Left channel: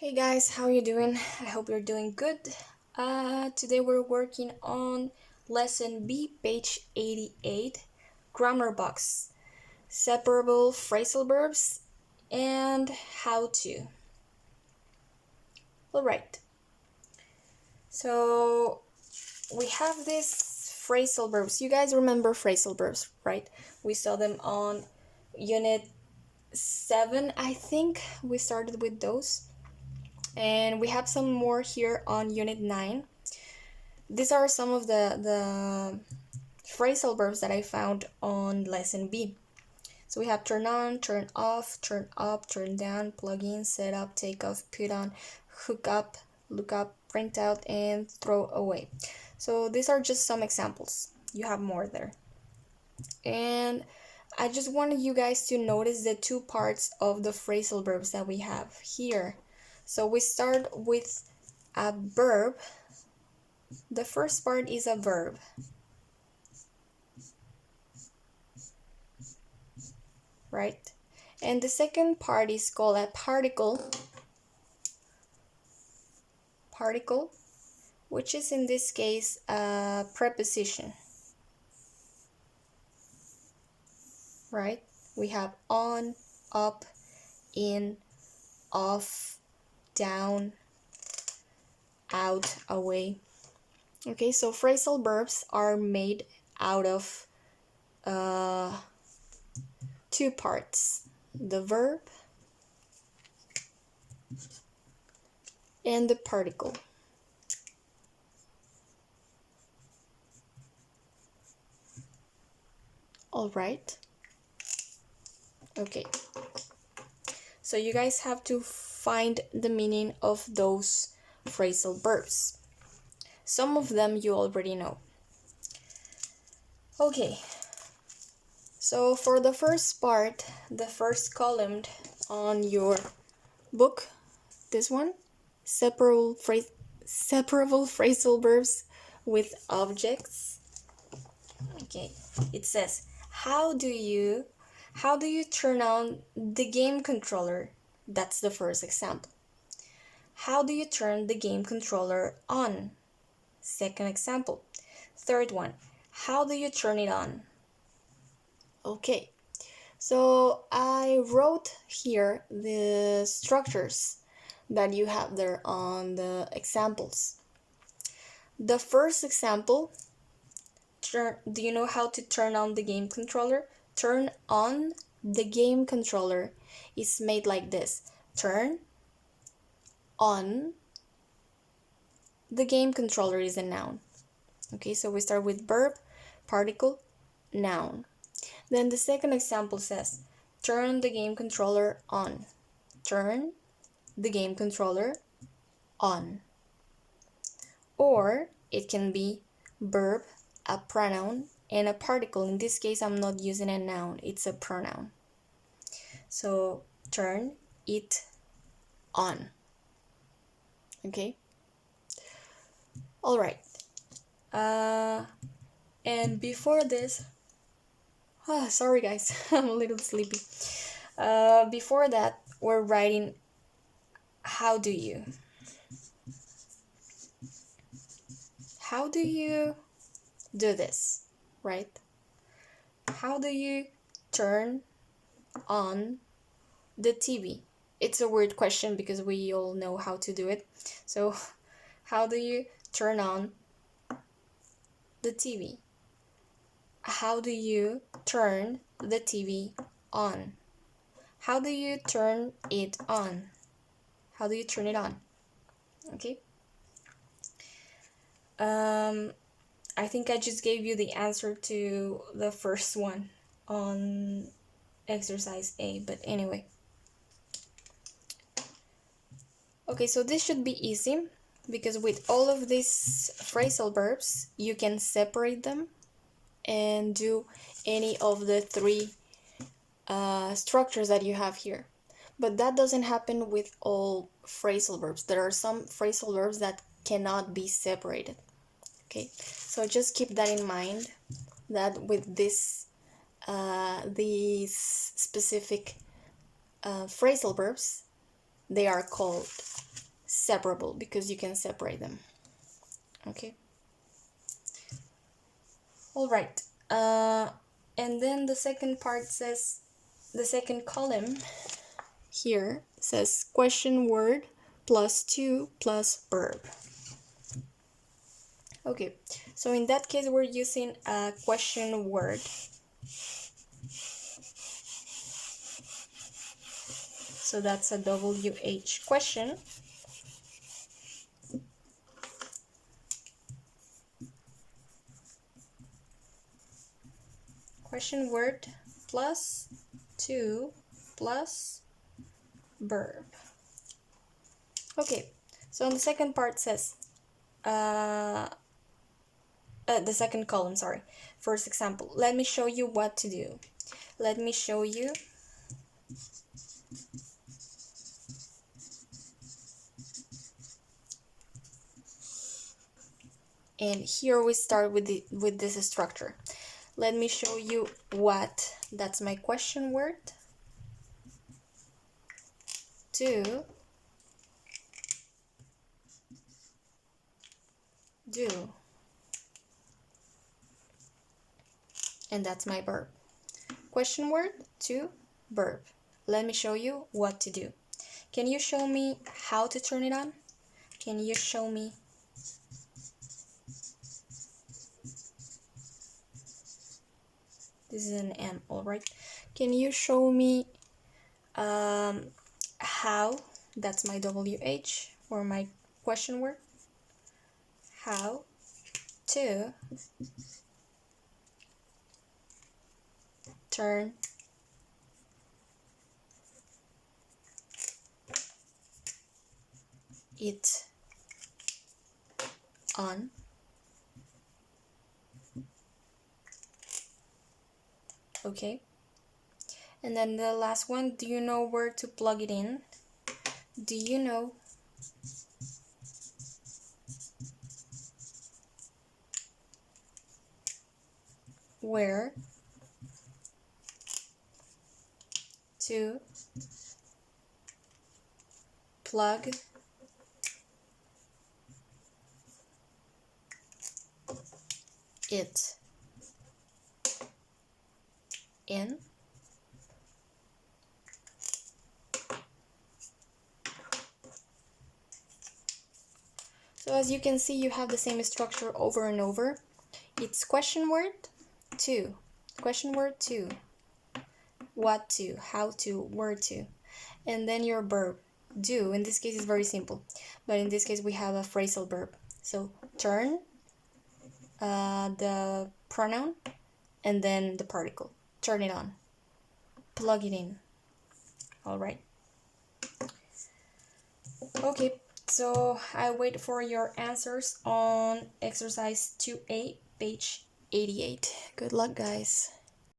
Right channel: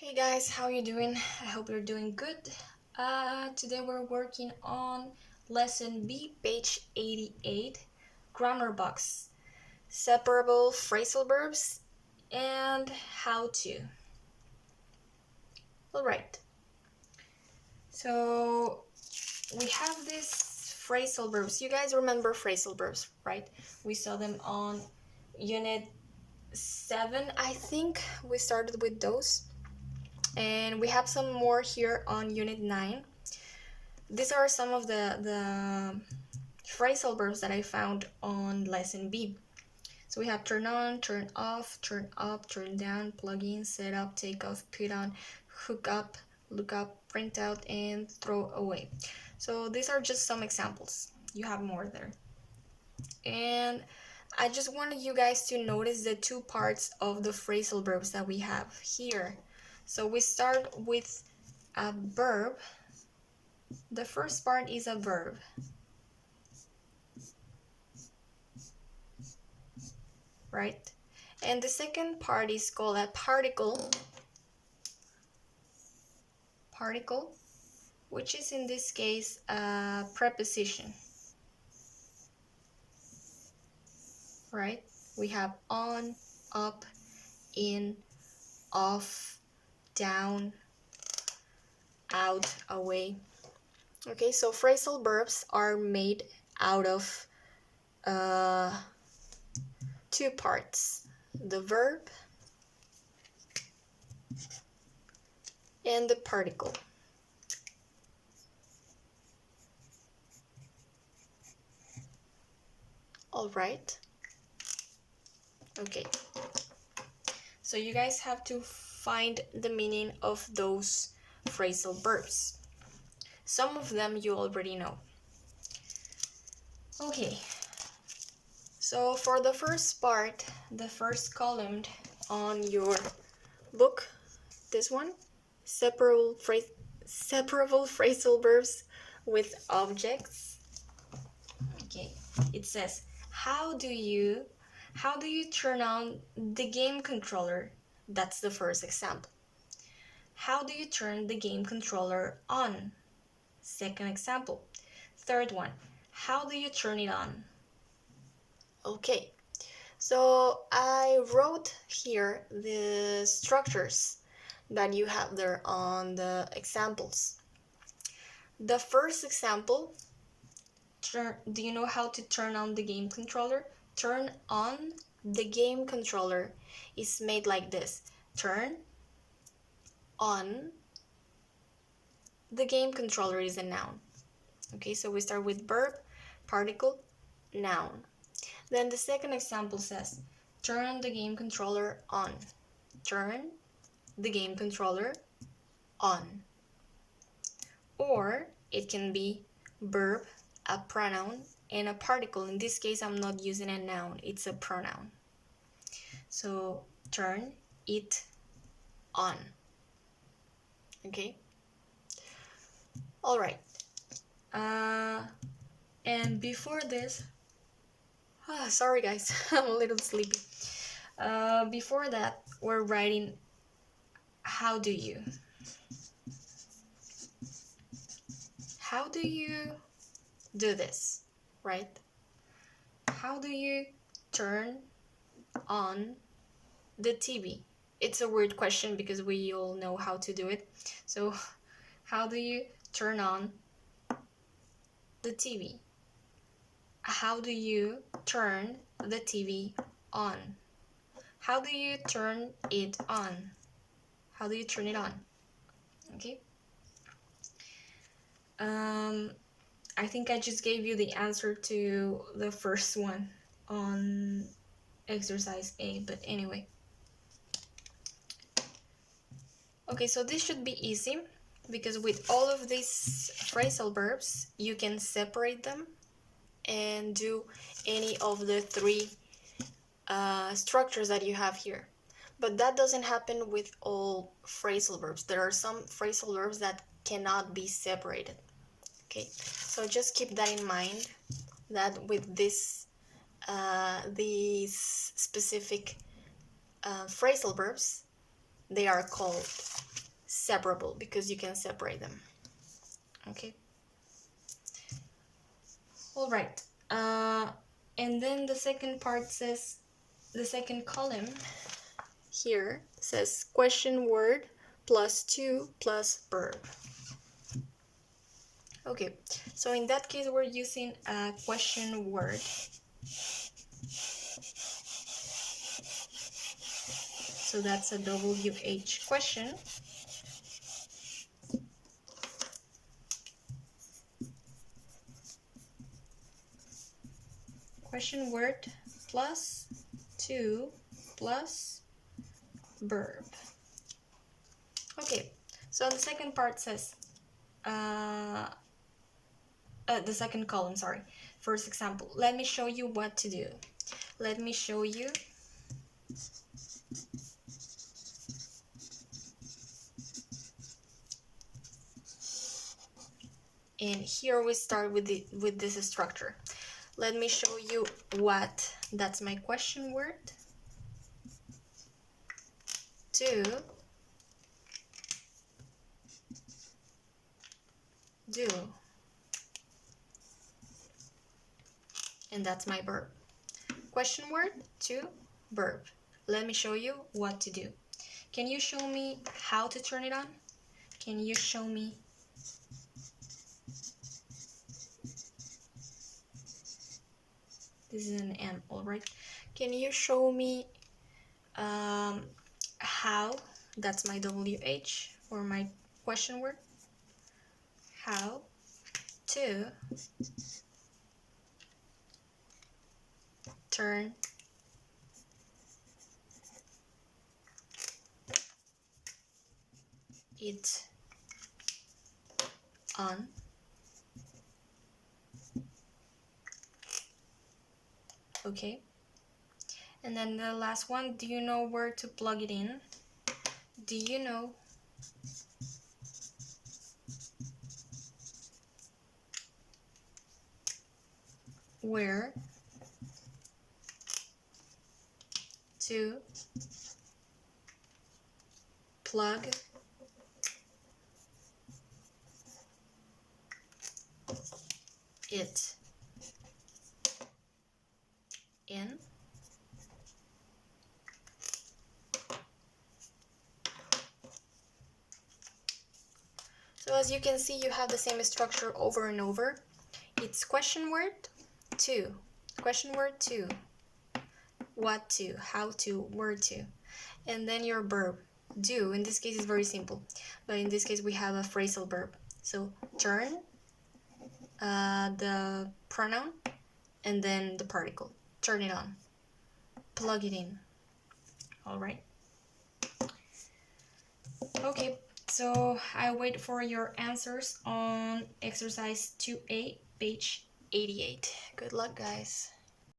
Hey guys, how you doing? I hope you're doing good. Today we're working on lesson B, page 88, grammar box, separable phrasal verbs, and how to. Alright, so we have these phrasal verbs. You guys remember phrasal verbs, right? We saw them on unit 7, I think. We started with those. And we have some more here on unit 9. These are some of the phrasal verbs that I found on lesson B. So we have turn on, turn off, turn up, turn down, plug in, set up, take off, put on, hook up, look up, print out, and throw away. So these are just some examples. You have more there. And I just wanted you guys to notice the two parts of the phrasal verbs that we have here. So we start with a verb. The first part is a verb. Right? And the second part is called a particle, which is in this case a preposition. Right? We have on, up, in, off, down, out, away. Okay, so phrasal verbs are made out of two parts, the verb and the particle. All right. Okay. So you guys have to find the meaning of those phrasal verbs. Some of them you already know. Okay. So for the first part, the first column on your book, this one, separable phrasal verbs with objects. Okay, it says, how do you turn on the game controller? That's the first example. How do you turn the game controller on? Second example. Third one, how do you turn it on? Okay, so I wrote here the structures that you have there on the examples. The first example, do you know how to turn on the game controller? Turn on the game controller is made like this. Turn on the game controller is a noun. Okay, so we start with verb, particle, noun. Then the second example says, turn the game controller on. Turn the game controller on. Or it can be verb, a pronoun, and a particle. In this case, I'm not using a noun, it's a pronoun. So turn it on. Okay? All right. And before this, sorry guys, I'm a little sleepy. Before that, we're writing how do you. How do you do this, right? How do you turn on the TV? It's a weird question because we all know how to do it. So, how do you turn on the TV? How do you turn the TV on? How do you turn it on? How do you turn it on? Okay. I think I just gave you the answer to the first one on exercise A, but anyway. Okay, so this should be easy because with all of these phrasal verbs, you can separate them and do any of the three structures that you have here. But that doesn't happen with all phrasal verbs. There are some phrasal verbs that cannot be separated. Okay, so just keep that in mind, that with these specific phrasal verbs, they are called separable because you can separate them. Okay. All right. And then the second part says, the second column here says question word plus to plus verb. Okay, so in that case we're using a question word. So that's a WH question. Question word plus to plus verb. Okay, so the second part says, the second column, sorry. First example, let me show you what to do. Let me show you. And here we start with this structure. Let me show you what, that's my question word. To do. And that's my verb. Question word to verb. Let me show you what to do. Can you show me how to turn it on? Can you show me? This is an M, all right. Can you show me how? That's my WH or my question word. How to turn it on. Okay. And then the last one, do you know where to plug it in? Do you know where to plug it in? So as you can see, you have the same structure over and over. It's question word to, question word to, what to, how to, where to, and then your verb, do. In this case, it's very simple, but in this case, we have a phrasal verb. So turn, the pronoun, and then the particle. Turn it on, plug it in. All right. Okay. So I wait for your answers on exercise 2A, page 88. Good luck, guys.